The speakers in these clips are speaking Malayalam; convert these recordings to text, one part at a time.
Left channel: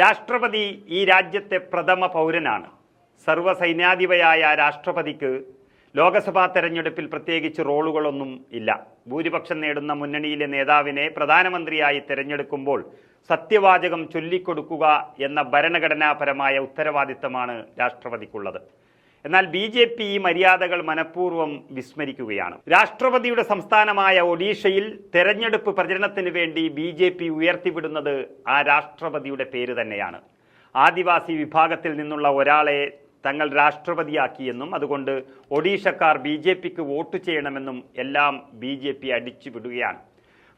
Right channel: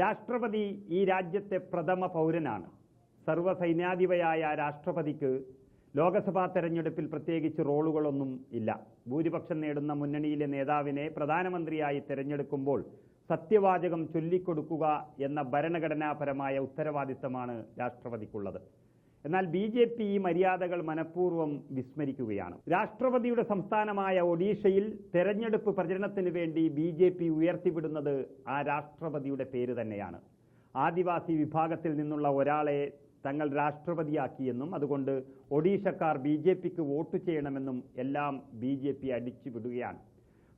രാഷ്ട്രപതി ഈ രാജ്യത്തെ പ്രഥമ പൗരനാണ്. സർവ്വസൈന്യാധിപയായ രാഷ്ട്രപതിക്ക് ലോക്സഭാ തെരഞ്ഞെടുപ്പിൽ പ്രത്യേകിച്ച് റോളുകളൊന്നും ഇല്ല. ഭൂരിപക്ഷം നേടുന്ന മുന്നണിയിലെ നേതാവിനെ പ്രധാനമന്ത്രിയായി തെരഞ്ഞെടുക്കുമ്പോൾ സത്യവാചകം ചൊല്ലിക്കൊടുക്കുക എന്ന ഭരണഘടനാപരമായ ഉത്തരവാദിത്തമാണ് രാഷ്ട്രപതിക്കുള്ളത്. എന്നാൽ ബി.ജെ.പി. ഈ മര്യാദകൾ മനഃപൂർവ്വം വിസ്മരിക്കുകയാണ്. രാഷ്ട്രപതിയുടെ സംസ്ഥാനമായ ഒഡീഷയിൽ തെരഞ്ഞെടുപ്പ് പ്രചരണത്തിന് വേണ്ടി ബി.ജെ.പി. ഉയർത്തിവിടുന്നത് ആ രാഷ്ട്രപതിയുടെ പേര് തന്നെയാണ്. ആദിവാസി വിഭാഗത്തിൽ നിന്നുള്ള ഒരാളെ തങ്ങൾ രാഷ്ട്രപതിയാക്കിയെന്നും അതുകൊണ്ട് ഒഡീഷക്കാർ ബി.ജെ.പിക്ക് വോട്ട് ചെയ്യണമെന്നും എല്ലാം ബി.ജെ.പി. അടിച്ചുവിടുകയാണ്.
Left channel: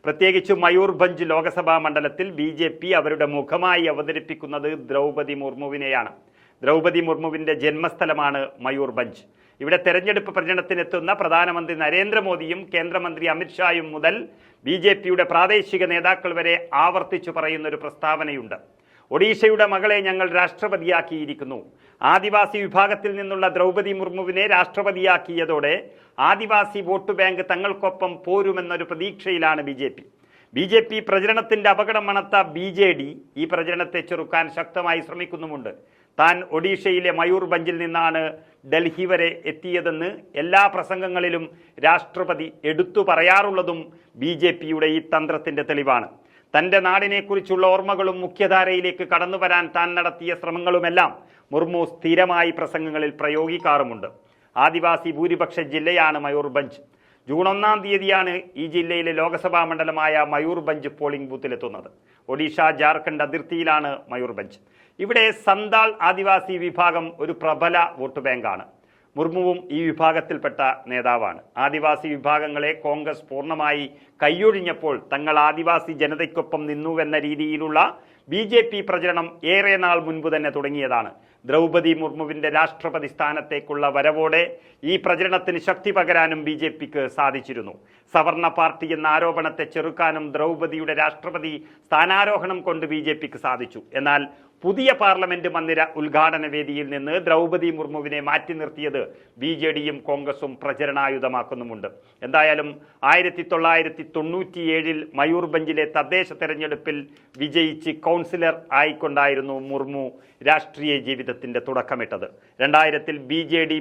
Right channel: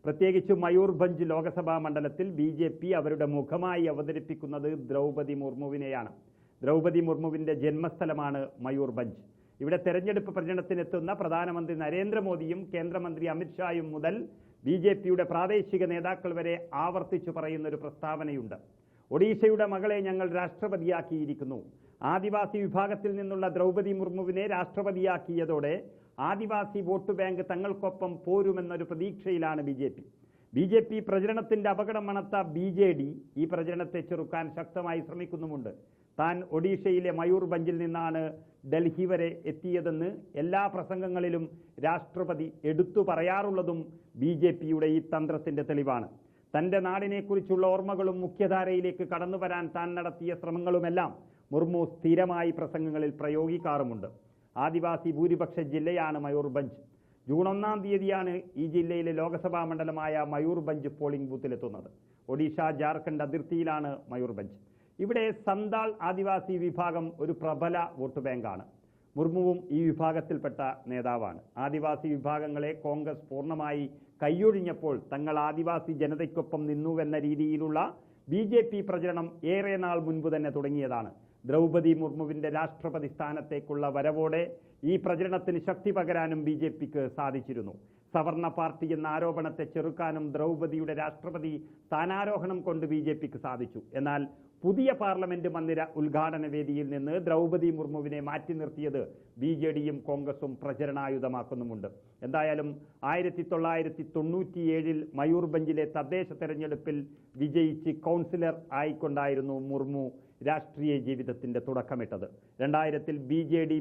പ്രത്യേകിച്ച് മയൂർഭഞ്ച് ലോക്സഭാ മണ്ഡലത്തിൽ ബി.ജെ.പി. അവരുടെ മുഖമായി അവതരിപ്പിക്കുന്നത് ദ്രൗപദി മുർമുവിനെയാണ്. ദ്രൗപദി മുർമുവിൻ്റെ ജന്മസ്ഥലമാണ് മയൂർഭഞ്ച്. ഇവിടെ തെരഞ്ഞെടുപ്പ് പ്രചരണത്തിനെത്തുന്ന പ്രധാനമന്ത്രി നരേന്ദ്രമോദിയും കേന്ദ്രമന്ത്രി അമിത്ഷായും മുതൽ ബി.ജെ.പിയുടെ പ്രാദേശിക നേതാക്കൾ വരെ ആവർത്തിച്ചു പറയുന്നൊരു പ്രസ്താവനയുണ്ട്. ഒഡീഷയുടെ മകളെ ഞങ്ങൾ രാഷ്ട്രപതിയാക്കിയിരിക്കുന്നു. ആദിവാസി വിഭാഗത്തിൽ നിന്നുള്ള ദ്രൗപദി മുർമുവിനെ രാഷ്ട്രപതിയാക്കിയതോടെ ആദിവാസി വോട്ട് ബാങ്ക് തങ്ങൾക്കൊപ്പം പോരുമെന്നൊരു പ്രതീക്ഷയിലാണ് ബി.ജെ.പി. പ്രചരണത്തിൻ്റെ അപകടം മണത്ത ബി.ജെ.ഡി. ഈ പ്രചരണത്തെ ചെറുക്കാൻ ശക്തമായി ശ്രമിക്കുന്നുമുണ്ട്. താൻ ഒഡീഷയിലെ മയൂർഭഞ്ചിൽ നിന്നാണ് ഡൽഹി വരെ എത്തിയതെന്ന് എല്ലാ പ്രസംഗങ്ങളിലും രാഷ്ട്രപതി എടുത്തു പറയാറുള്ളതും ബി.ജെ.പിയുടെ ഈ തന്ത്രത്തിൻ്റെ തെളിവാണ്. തൻ്റെ നാടിനെക്കുറിച്ചുള്ള ഓർമ്മകളും മുഖ്യധാരയിലേക്ക് കടന്നു വരാൻ താൻ നടത്തിയ ശ്രമങ്ങളുമെല്ലാം മുർമു സ്ഥിരമായി പ്രസംഗങ്ങളിൽ പ്രയോഗിക്കാറുമുണ്ട്. ആദിവാസി ഭൂരിപക്ഷ ജില്ലയാണ് മയൂർഭഞ്ച്. ജൂൺ 1-ാം തീയതിയാണ് ഈ ജില്ലയിലെ ലോക്സഭാ മണ്ഡലമായ മയൂർഭഞ്ച് പോളിംഗ് ബൂത്തിലെത്തുന്നത്. ഒഡീഷ ജാർഖണ്ഡ് അതിർത്തിയിലാണ് മയൂർഭഞ്ച്. ഇവിടെ സന്താൾ ആദിവാസി വിഭാഗം ഒരു പ്രബല വോട്ട് ബാങ്കാണ്. മുർമുവും ഈ വിഭാഗത്തിൽപ്പെട്ട നേതാവാണ്. ആദിവാസി വിഭാഗങ്ങളെ കോൺഗ്രസ് പൂർണ്ണമായി കൈയൊഴിഞ്ഞപ്പോൾ തങ്ങൾ ആദിവാസി ജനതയ്ക്കൊപ്പം നിന്നുവെന്ന രീതിയിലുള്ള ബി.ജെ.പി. പ്രചരണം ഏറെ നാൾ മുൻപ് തന്നെ തുടങ്ങിയതാണ്. ദ്രൗപദി മുർമുവിൻ്റെ രാഷ്ട്രപതി സ്ഥാനത്തേക്കുള്ള വരവോടെ ഈ പ്രചരണത്തിന് ശക്തി പകരാനും ബി.ജെ.പിക്ക് സാധിച്ചിരുന്നു. സവർണ പാർട്ടി എന്ന ആരോപണത്തെ ചെറുക്കാനും ദ്രൗപദിയുടെ രാഷ്ട്രപതി സ്ഥാനാരോഹണം കൊണ്ട് ബി.ജെ.പിക്ക് സാധിച്ചു. എന്നാൽ പുതിയ പാർലമെന്റ് മന്ദിര ഉദ്ഘാടന വേദിയിൽ നിന്ന് ദ്രൗപദി മുർമുവിനെ മാറ്റി നിർത്തിയത് ബി.ജെ.ഡിയും കോൺഗ്രസും പ്രചരണായുധമാക്കുന്നുമുണ്ട്. എന്തായാലും 1997 മയൂർഭഞ്ചിലെ തദ്ദേശ തെരഞ്ഞെടുപ്പിൽ വിജയിച്ച് കൗൺസിലർ ആയിക്കൊണ്ടായിരുന്നു മുർമു രാഷ്ട്രീയ ജീവിതത്തിന്റെ തുടക്കമിട്ടത്. 2000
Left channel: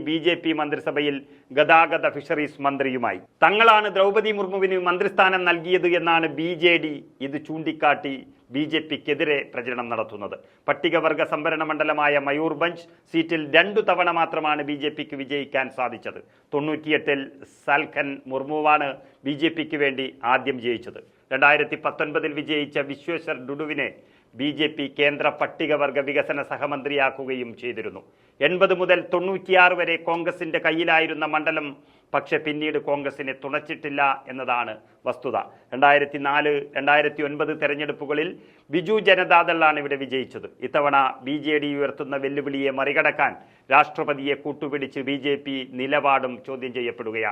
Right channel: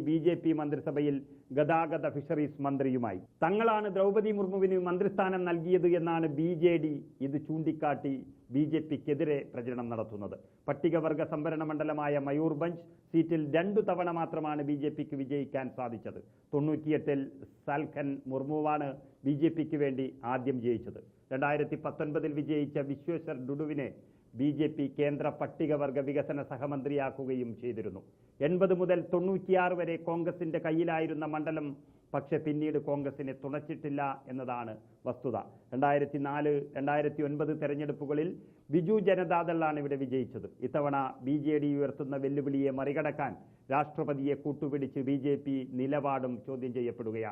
ബി.ജെ.പി. മന്ത്രിസഭയിൽ ഗതാഗത ഫിഷറീസ് മന്ത്രിയുമായി. തങ്ങളാണ് ദ്രൗപദി മുർമുവിന് മന്ത്രിസ്ഥാനം നൽകിയത് എന്നാണ് ബി.ജെ.ഡി. ഇത് ചൂണ്ടിക്കാട്ടി ബി.ജെ.പിക്കെതിരെ പ്രചരണം നടത്തുന്നത്. പട്ടികവർഗ സംവരണ മണ്ഡലമായ മയൂർഭഞ്ച് സീറ്റിൽ 2 തവണ മാത്രമാണ് ബി.ജെ.പിക്ക് വിജയിക്കാൻ സാധിച്ചത്. 98 സാൽഖൻ മുർമുവാണ് ബി.ജെ.പിക്ക് വേണ്ടി ആദ്യം ജയിച്ചത്. 2019 വിജയിച്ച വിശ്വേശ്വർ ഡുഡുവിനെ ബി.ജെ.പി. കേന്ദ്ര പട്ടികവർഗ വികസന സഹമന്ത്രിയാക്കുകയും ചെയ്തിരുന്നു. 80 മുതൽ 96 വരെ കോൺഗ്രസിൻ്റെ കയ്യിലായിരുന്ന മണ്ഡലം പക്ഷെ പിന്നീട് കോൺഗ്രസിനെ തുണച്ചിട്ടില്ല എന്നതാണ് വസ്തുത. 2004-2009 തെരഞ്ഞെടുപ്പുകളിൽ ബിജു ജനതാദളാണ് ഇവിടെ വിജയിച്ചത്. ഇത്തവണ ബി.ജെ.ഡി. ഉയർത്തുന്ന വെല്ലുവിളിയെ മറികടക്കാൻ രാഷ്ട്രപതിയെ കൂട്ടുപിടിച്ച് ബി.ജെ.പി. നിലപാടും ചോദ്യം ചെയ്യപ്പെടുകയാണ്.